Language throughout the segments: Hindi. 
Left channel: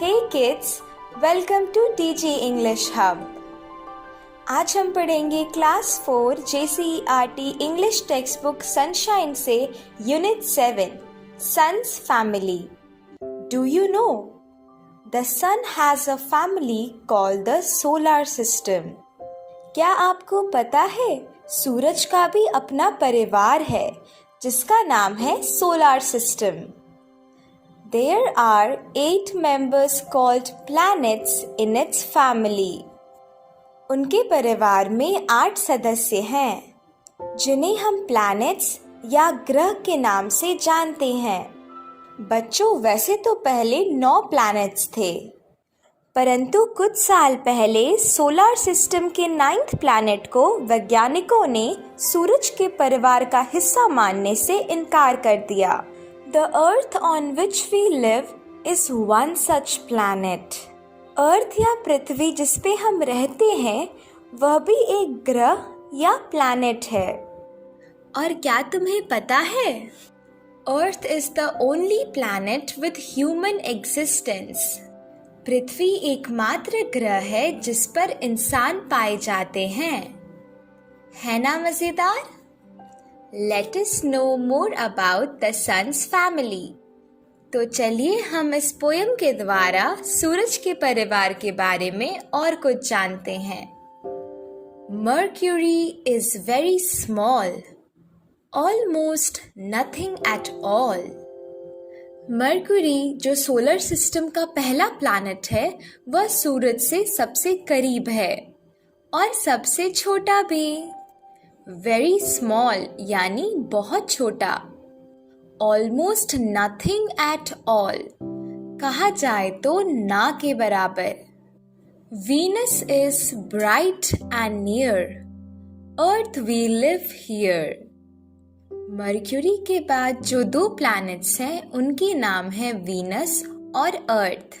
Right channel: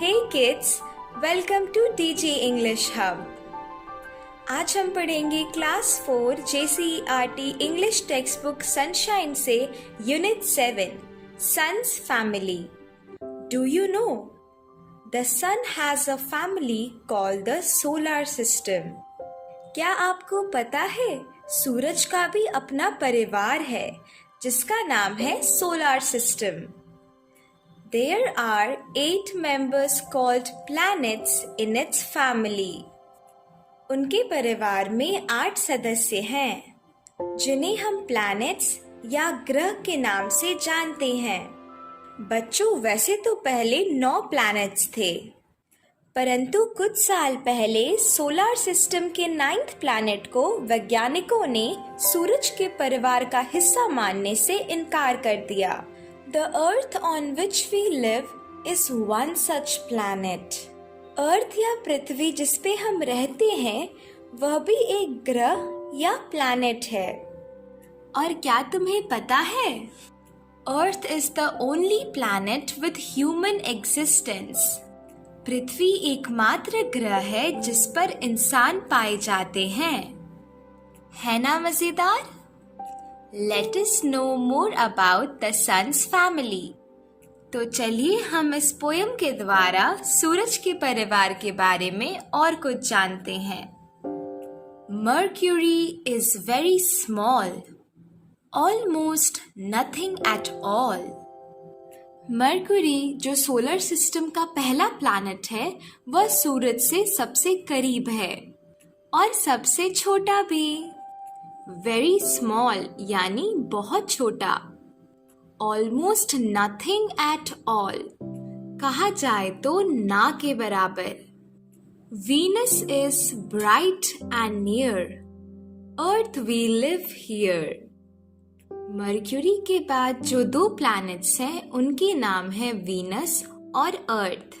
Hey kids, welcome to DG English Hub. आज हम पढ़ेंगे class 4 JCERT English text book sunshine से unit 7 Sun's family. Do you know? The sun has a family called the solar system. क्या आपको पता है सूरज का भी अपना परिवार है जिसका नाम है solar system. There are 8 members called planets in its family. उनके परिवार में 8 सदस्य हैं जिन्हें हम प्लैनेट्स या ग्रह के नाम से जानते हैं. बच्चों, वैसे तो पहले 9 प्लैनेट्स थे, परंतु कुछ साल पहले सोलर सिस्टम के 9th प्लैनेट को वैज्ञानिकों ने सूरज के परिवार का हिस्सा मानने से इनकार कर दिया. The Earth on which we live is one such planet. अर्थ या पृथ्वी जिस पे हम रहते हैं वह भी एक ग्रह या प्लैनेट है. और क्या तुम्हें पता है, Earth is the only planet with human existence. पृथ्वी एकमात्र ग्रह है जिस पर इंसान पाए जाते हैं. है ना मजेदार? Let us know more about the sun's family. तो चलिए हम इस पोयम के द्वारा सूरज के परिवार के बारे में और कुछ जानते हैं. Mercury is very small, almost nothing at all. Mercury जो सोलर सिस्टम का पहला प्लैनेट है वह सूरज से सबसे करीब है और सबसे छोटा भी. वेरी स्मॉल यानी बहुत छोटा. ऑलमोस्ट नथिंग एट ऑल कहा जाए तो ना के बराबर. Venus is bright and near, earth we live here. Mercury के बाद जो 2 प्लैनेट्स हैं उनके नाम है वीनस और अर्थ.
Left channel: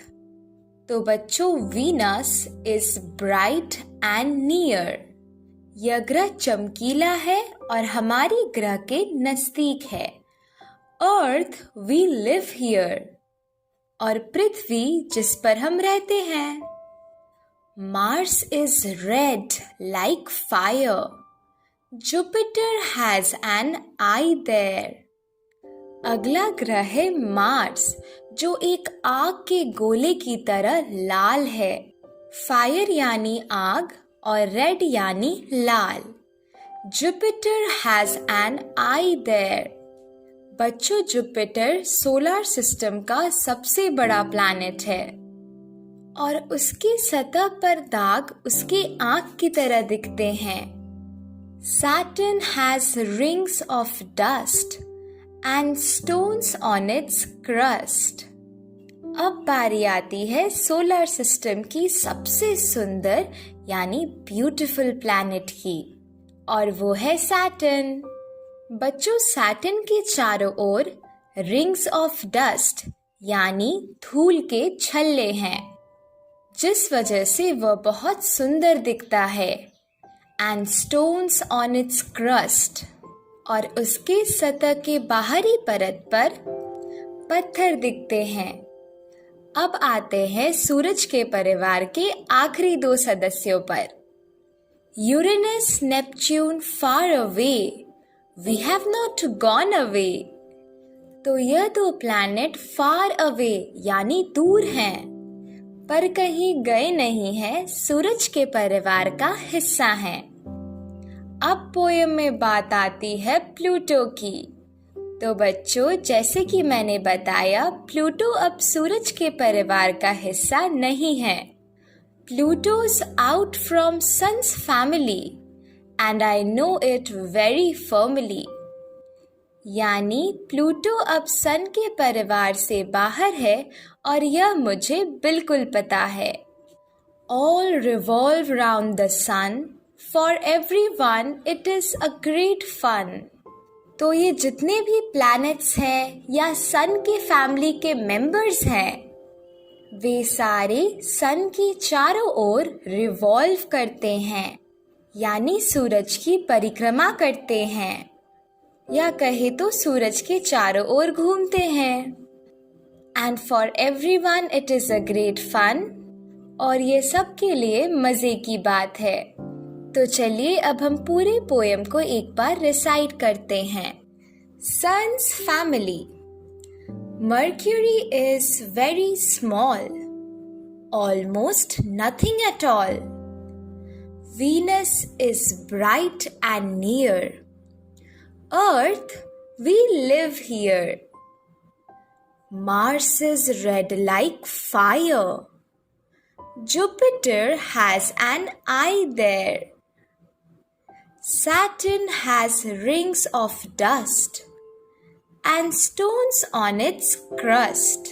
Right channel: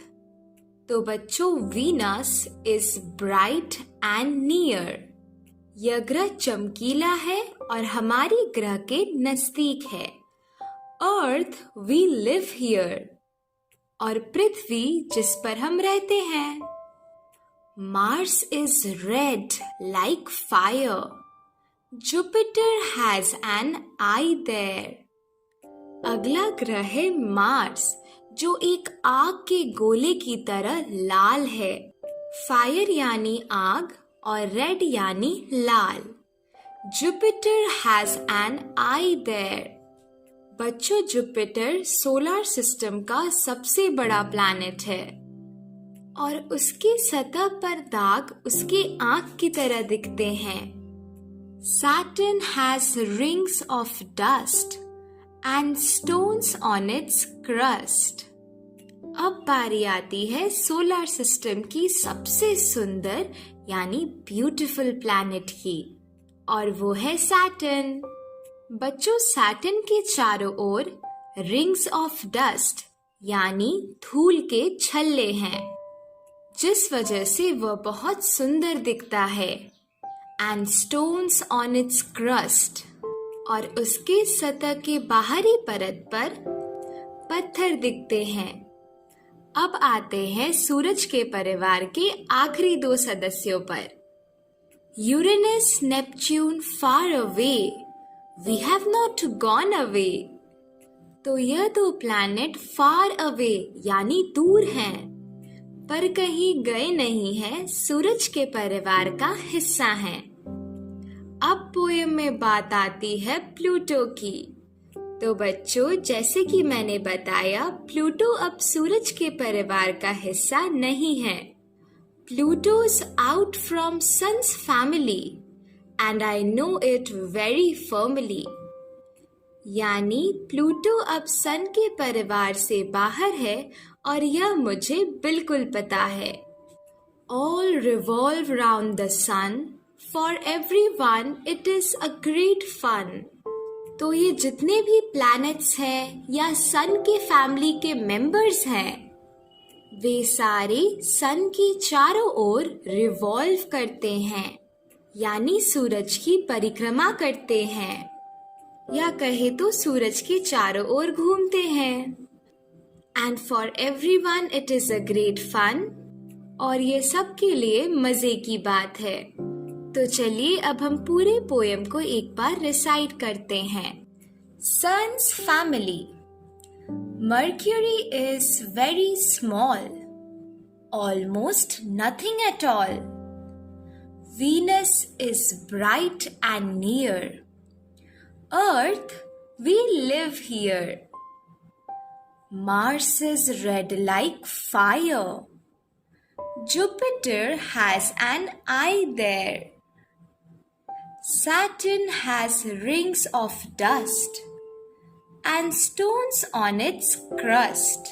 तो बच्चों, Venus is bright and near. यह ग्रह चमकीला है और हमारी ग्रह के नजदीक है. अर्थ वी लिव हियर और पृथ्वी जिस पर हम रहते हैं. Mars is red like fire, Jupiter has an eye there. अगला ग्रह है मार्स जो एक आग के गोले की तरह लाल है. फायर यानी आग और रेड यानी लाल. Jupiter has an eye there. बच्चों, जुपिटर सोलर सिस्टम का सबसे बड़ा प्लैनेट है और उसकी सतह पर दाग उसकी आंख की तरह दिखते हैं. Saturn has rings of dust and stones on it's crust. अब बारी आती है सोलर सिस्टम की सबसे सुंदर यानी ब्यूटीफुल प्लैनेट की, और वो है सैटर्न. बच्चों, सैटर्न के चारों ओर रिंग्स ऑफ डस्ट यानी धूल के छल्ले हैं जिस वजह से वह बहुत सुंदर दिखता है. And stones on it's crust और उसके सतह के बाहरी परत पर पत्थर दिखते हैं. अब आते हैं सूरज के परिवार के आखिरी 2 सदस्यों पर. Uranus Neptune far away, we have not gone away. तो यह 2 प्लैनेट फार अवे यानी दूर हैं, पर कहीं गए नहीं हैं, सूरज के परिवार का हिस्सा हैं. अब पोयम में बात आती है प्लूटो की. तो बच्चों, जैसे कि मैंने बताया, प्लूटो अब सूरज के परिवार का हिस्सा नहीं है. Pluto's out from Sun's family and I know it very firmly. यानी प्लूटो अब सन के परिवार से बाहर है और यह मुझे बिल्कुल पता है. All revolve round the sun, for everyone it is a great fun. तो ये जितने भी प्लैनेट्स हैं या सन के फैमिली के मेंबर्स हैं वे सारे सन की चारों ओर रिवॉल्व करते हैं यानी सूरज की परिक्रमा करते हैं, या कहे तो सूरज के चारों ओर घूमते हैं. And for everyone it is a great fun. और ये सबके लिए मजे की बात है। तो चलिए अब हम पूरे पोएम को एक बार रिसाइट करते हैं। Sun's family. Mercury is very small, almost nothing at all. Venus is bright and near. Earth, we live here. Mars is red like fire. Jupiter has an eye there. Saturn has rings of dust and stones on its crust.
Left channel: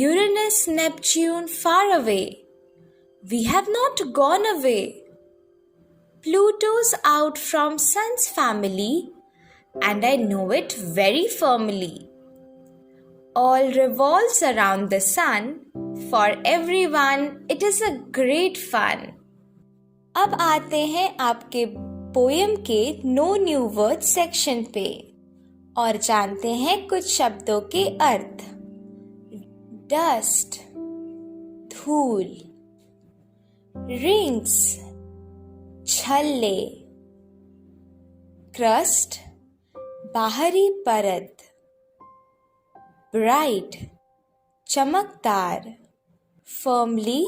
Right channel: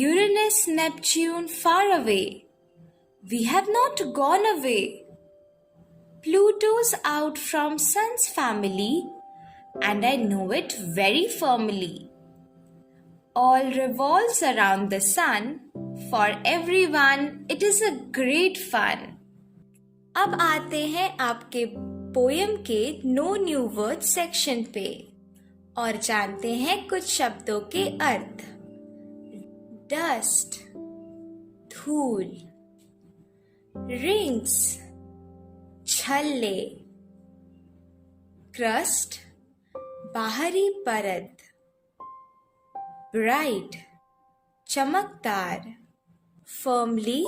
Uranus, Neptune far away. We have not gone away. Pluto's out from Sun's family, and I know it very firmly. All revolves around the sun. For everyone, it is a great fun. अब आते हैं आपके पोएम के नो न्यू वर्ड सेक्शन पे और जानते हैं कुछ शब्दों के अर्थ। डस्ट, धूल। रिंग्स, छल्ले। क्रस्ट, बाहरी परत। ब्राइट, चमकदार। फर्मली,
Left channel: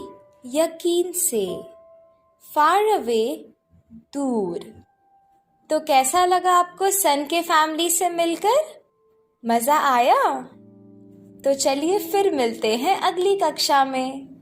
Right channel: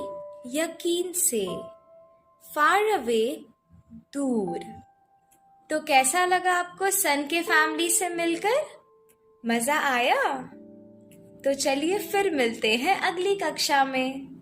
यकीन से। फार अवे, दूर। तो कैसा लगा आपको सन के फैमिली से मिलकर? मजा आया? तो चलिए फिर मिलते हैं अगली कक्षा में।